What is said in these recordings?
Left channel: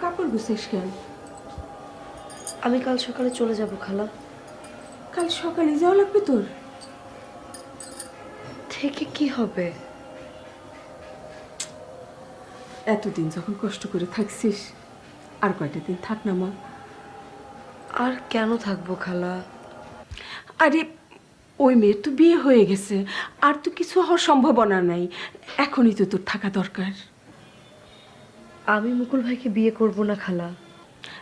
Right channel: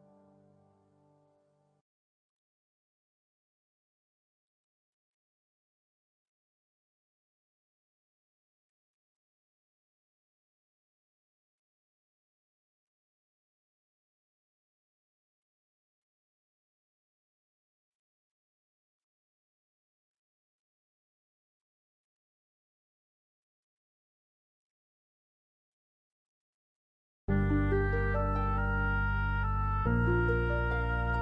কাপড় গুছিস কেন? আমি কাল সকালে চলে যাব খালা। কাল সকালে যাওয়া লাগবে তোর? থেকে কি হবে? এতদিন যখন কষ্ট করে থাকছিস আর কয়টা দিন থাক না মা। আর কেন থাকব খালা? আরে ওই মেয়ের তো বিয়ে হয়ে গেছে আর তো কিছু হওয়ার সম্ভাবনা নাই। এখনই তো তোর থাকা দরকার। আমি মুকুল ভাইকে বিয়ে করব না খালা।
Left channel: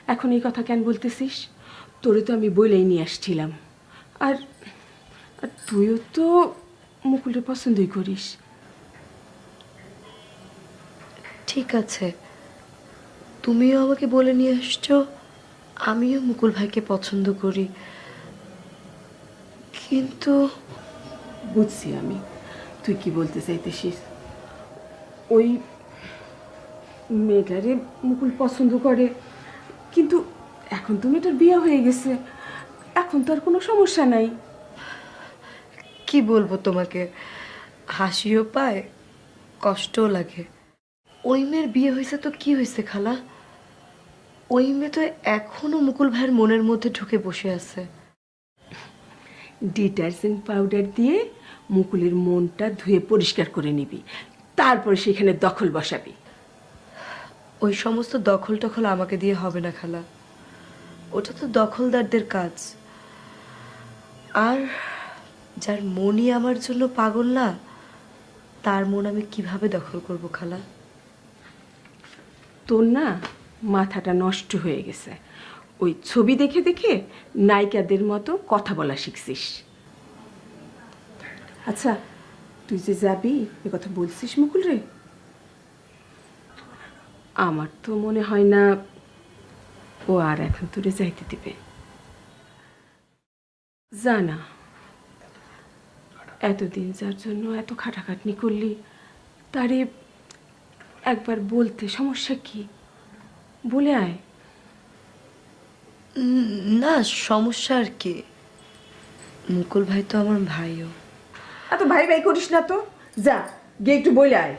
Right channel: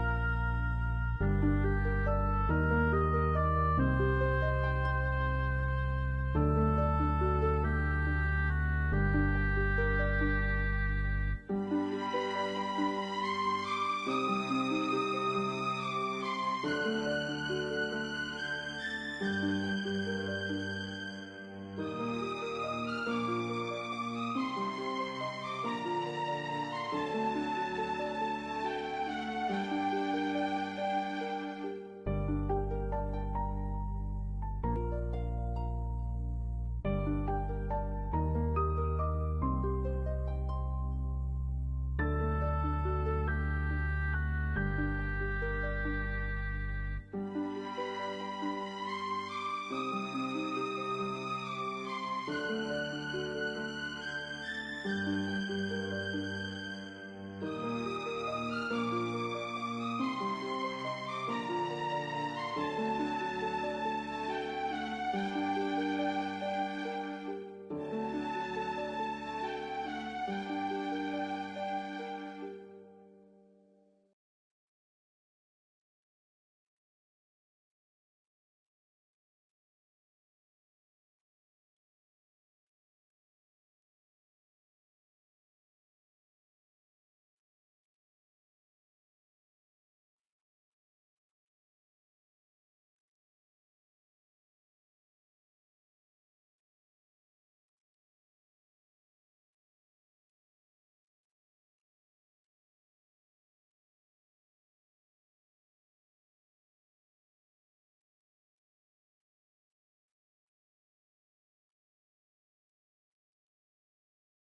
এখন এই কথা কেন বলতেছিস? তোরে তো আমি বলেই নিয়ে আসছিলাম। আর আর তুইও তো মুকুলকে পছন্দই করিস। ঠিক আছে। তুমিও আমাকে বলে নিয়ে আসছো আমিও মুকুল ভাইকে পছন্দ করি। কিন্তু বুঝছি আমি। তুই কি বলতে চাইতেছিস? ওই মেয়েটারে মুকুল পছন্দ করে। কিন্তু এখন তো মেয়েটার বিয়ে হয়ে গেছে। এখন তো আর কোনো সমস্যা নাই। কি বলব তোমাকে? হাসিও পায় কষ্টও লাগে। ওই মেয়ের বিয়ে হয়েছে তো কি হয়েছে খালা? ওই মেয়ে তো এখনও মুকুল ভাইয়ের মনের মধ্যে ঢুকে বসে আছে। ডিটারজেন্ট পাউডার দিয়ে মুকুলের মনটা ধুয়ে পরিষ্কার করে নিবি। তারপর সেখানে দখল বসাবি। ওই সমস্ত দখল টখল আমাকে দিয়ে হবে না, খালা। ওটা তো দখলদারদের কাজ। আর যার মনই আমার জন্য পাগল না, তার মন আমি কীভাবে দখল করব, খালা? তোর না মাথাটা নষ্ট হয়ে গেছে। ওই ছবি দেখে দেখে নায়িকাদের মতো কথা বলা শিখছিস। আচ্ছা তুই যে যাবি, এ কথা বলছিস মুকুল রে? আমার তো মনে হয় না ও আর এখন তোরে যাইতে দিবে। জানা এতদিন যার জন্য এত খাটাখাটনি করলি তারে একবার বলতে সমস্যা কি? বলে আয়। না সমস্যা আর কি। মুকুল ভাই তো আমার ভাইও। এত ভাই ভাই করিস না তো। যা গিয়ে একটু বলে আয়।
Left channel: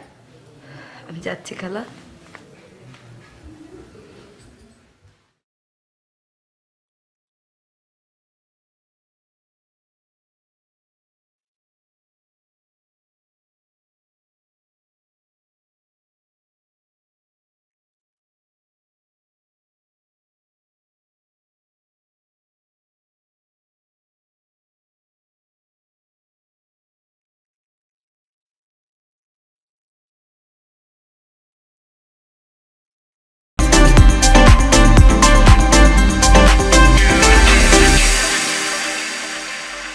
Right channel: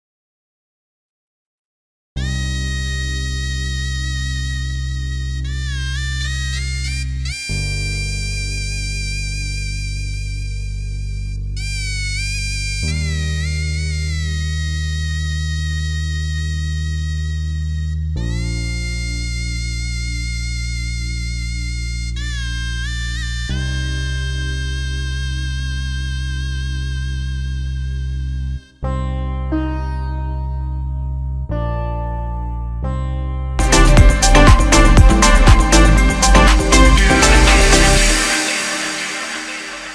আমি যাচ্ছি খালা।